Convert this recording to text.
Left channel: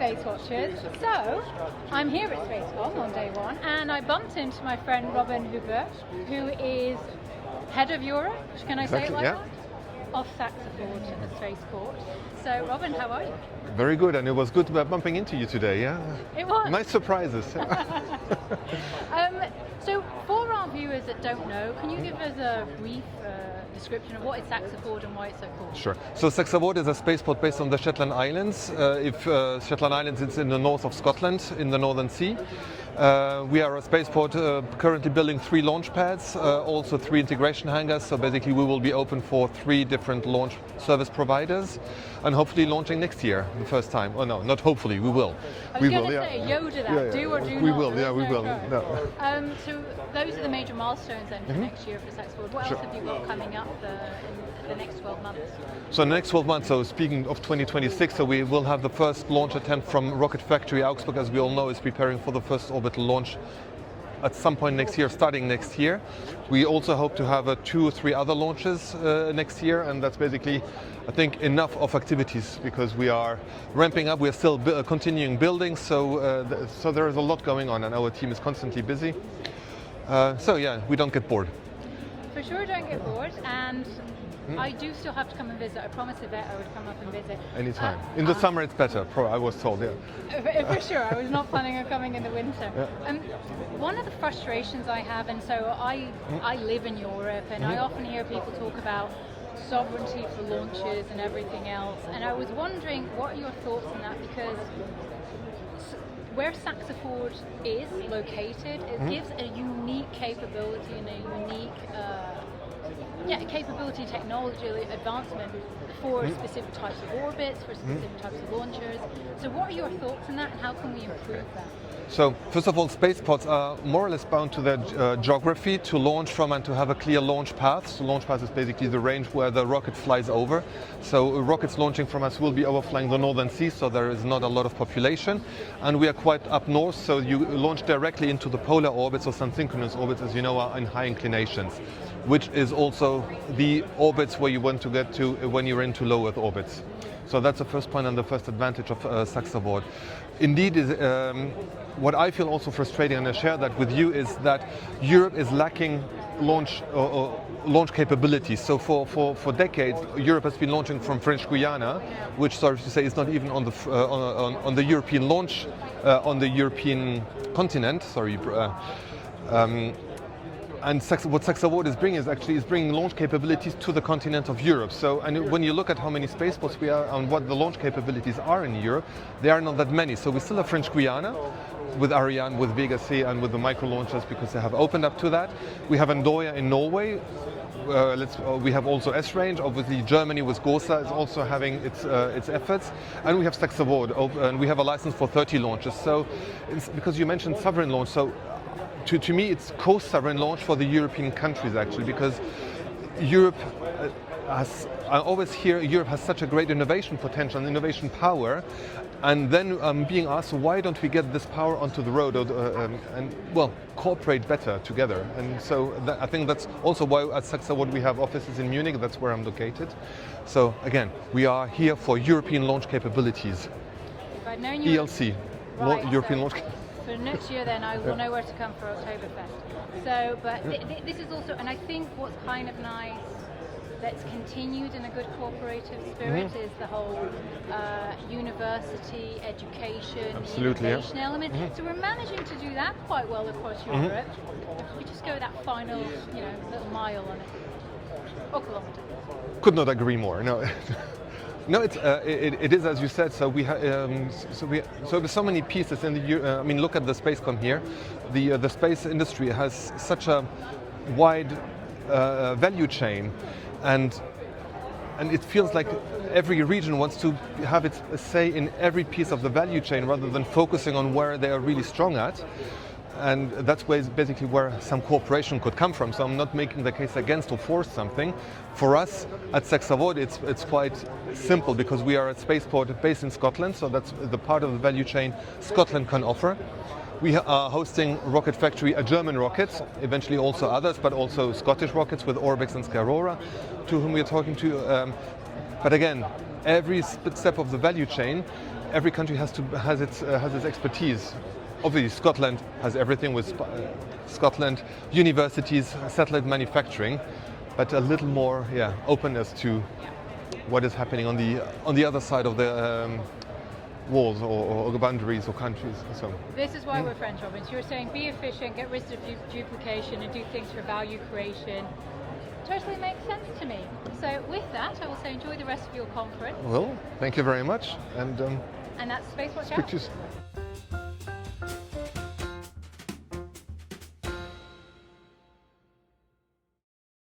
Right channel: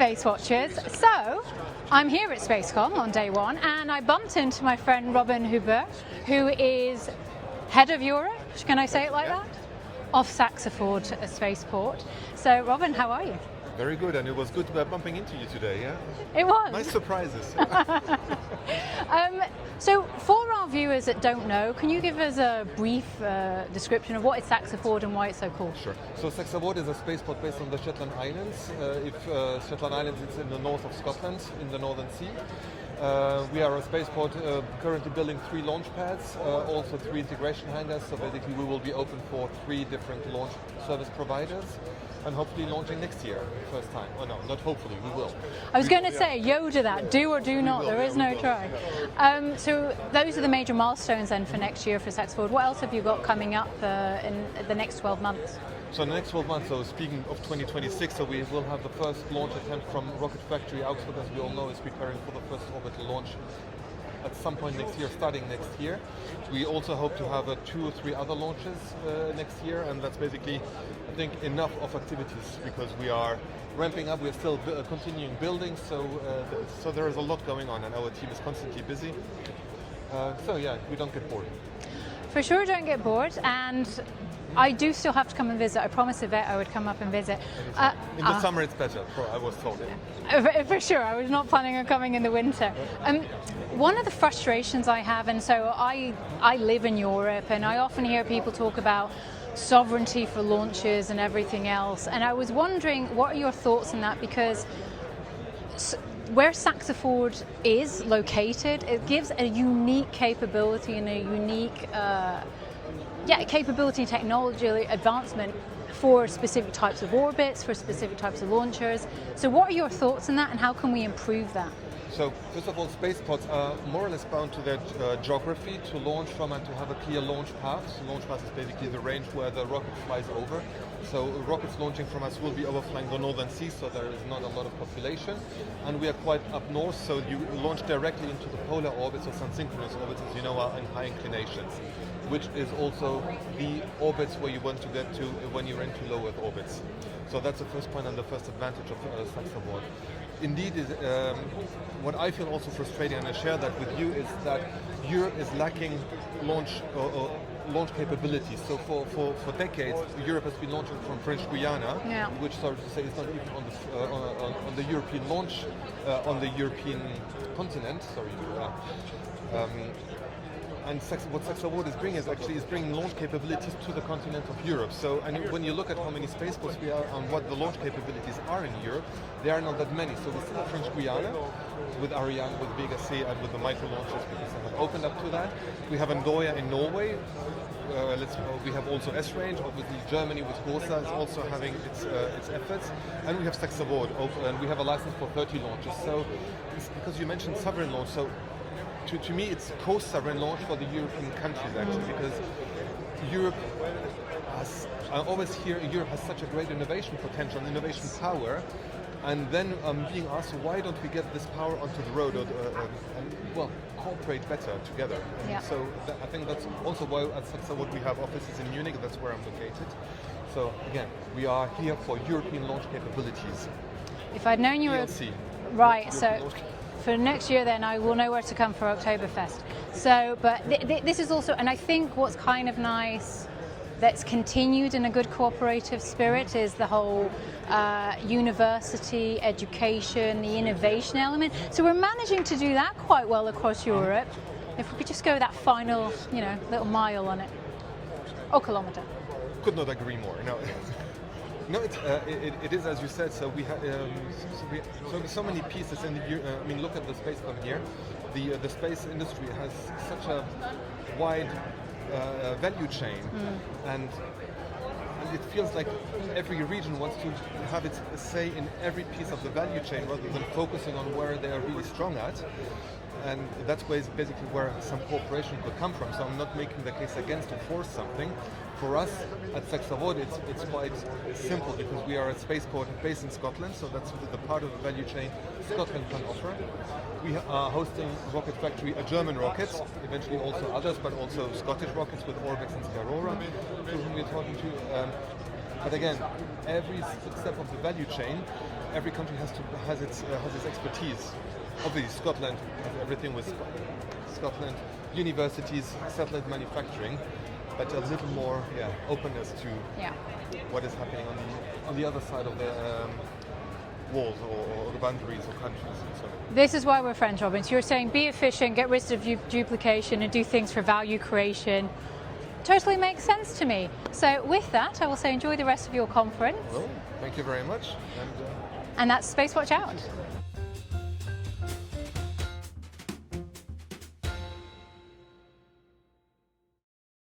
Space Watchers. So, I'm here at Space-Comm on day one, and I bumped into my friend Robin Huber, who is head of Europe, can I say it like that? Of SaxaVord Spaceport. So, Robin, how are you? Very good, and it was good bumping into you today, yeah? It was. Nice surprises. So, for our viewers that don't know, can you give us a brief description of what is SaxaVord and why it's so cool? Sure. So SaxaVord is a spaceport based on the Shetland Islands. Shetland Islands is in the north of Scotland, in the Northern Sea. We are a spaceport currently building 3 launch pads, also 3 integration hangars. So basically we will be open for 3 different launch service providers and hopefully launching next year, the first time. Oh no, not hopefully, we will. I was going to say, Yoda that, do or do not, there is no try. No. So those are the major milestones then for next year for SaxaVord. What else have you got coming up in the next 12 months? So in the next 12 months, so speaking of 2026, so we will have the first launch attempt from rocket Factory Augsburg, as we all know, is preparing for the first orbital launch at some point next year, starting next year. We also hope to have 2 or 3 other launches next year, and that's basically, I think, enough of activities because we are ramping up. We're still continuing building, so there is a lot going on, and our team is constantly busy. So yeah, we don't get bored. For sure, don't get bored, and I do still have to come and visit. I promised Yvette I would come up and visit. Anytime. In the summer it's better, I was told, yeah. For sure, I was not planning on coming in the winter. One of the frustrations I have, and so I live in Europe, and I often hear people talk about sovereignty for launches and everything else, and I was wondering, what are your thoughts on that? Because where SaxaVord is located, it gives a unique capability and a unique capability and technology advancement for specific types of orbits, for specific types of launchers. So what are your thoughts on that, and how can we improve that? So first of all, spaceports are more or less bound to their geography to launch from and to have a clear launch path. So launch path is basically the range where the rocket flies over. So rockets launching from us will be overflying the Northern Sea, so there is not a lot of population. And we are quite up north, so you launch directly into the polar orbits or sun-synchronous orbits, as you know, are in high inclinations, which is also the orbits where you want to get to when you're into low Earth orbits. So that's the first point and the first advantage of SaxaVord. Indeed, what I feel also frustrating, and I share that with you, is that Europe is lacking launch capabilities. So for decades, Europe has been launching from French Guiana, which, sorry to say, is not even on the European launch on the European continent. Sorry. And what SaxaVord is bringing is bringing launch capabilities to the continent of Europe. So, and when you look at how many spaceports we are and what the launch capabilities are in Europe, there are not that many. So we still have French Guiana with Ariane, with Vega C, and with the micro launchers because they have opened up to that. We have Andoya in Norway. We have also S-Range. Obviously, Germany with GOSA is also having its efforts, and we have SaxaVord, and we have a license for 30 launches. So, it's because you mentioned sovereign launch, so. To me, it's co-sovereign launch for the European countries, actually, because Europe I always hear Europe has such a great innovation potential and innovation power, and then being asked, why don't we get this power onto the road and cooperate better together? And so I think that's also why at SaxaVord we have offices in Munich. That's where I'm located. So again, we are here for European launch capabilities. If I'd known you ELC, right, European launch. For next year then I will know where to come for Oktoberfest. So, but this is also, and I think what's kind of nice that's continued in a good cooperative spirit is the whole university, education, the innovation element. So we're managing to do that quite well across Europe. If we could just go that final, little mile on it, or kilometre. Could not agree more, no. No, it is as you said. So we have there's so many pieces, and look at the Space-Comm here. The space industry has such a wide value chain, and it feels like every region wants to have its say in every piece of the value chain rather than focusing on where they are really strong at. And that's basically where some cooperation could come from. So I'm not making the case against or for something. For us at SaxaVord, it's quite simple because we are a spaceport based in Scotland, so that's the part of the value chain Scotland can offer. We are hosting Rocket Factory, a German rocket, eventually also others, but also Scottish rockets with Orbix and Skyrora, to whom we are talking to. But again, every step of the value chain every country has its expertise. Obviously, Scotland has everything with Scotland universities, satellite manufacturing, but a little more openness to what is happening on the other side of the walls or boundaries or countries. So this is why we're friends, Robin. So you're saying be efficient, get rid of duplication, and do things for value creation. Totally makes sense to me. So with that, I will say enjoy the rest of your conference. Well, thank you very much. And that's SpaceWatch out.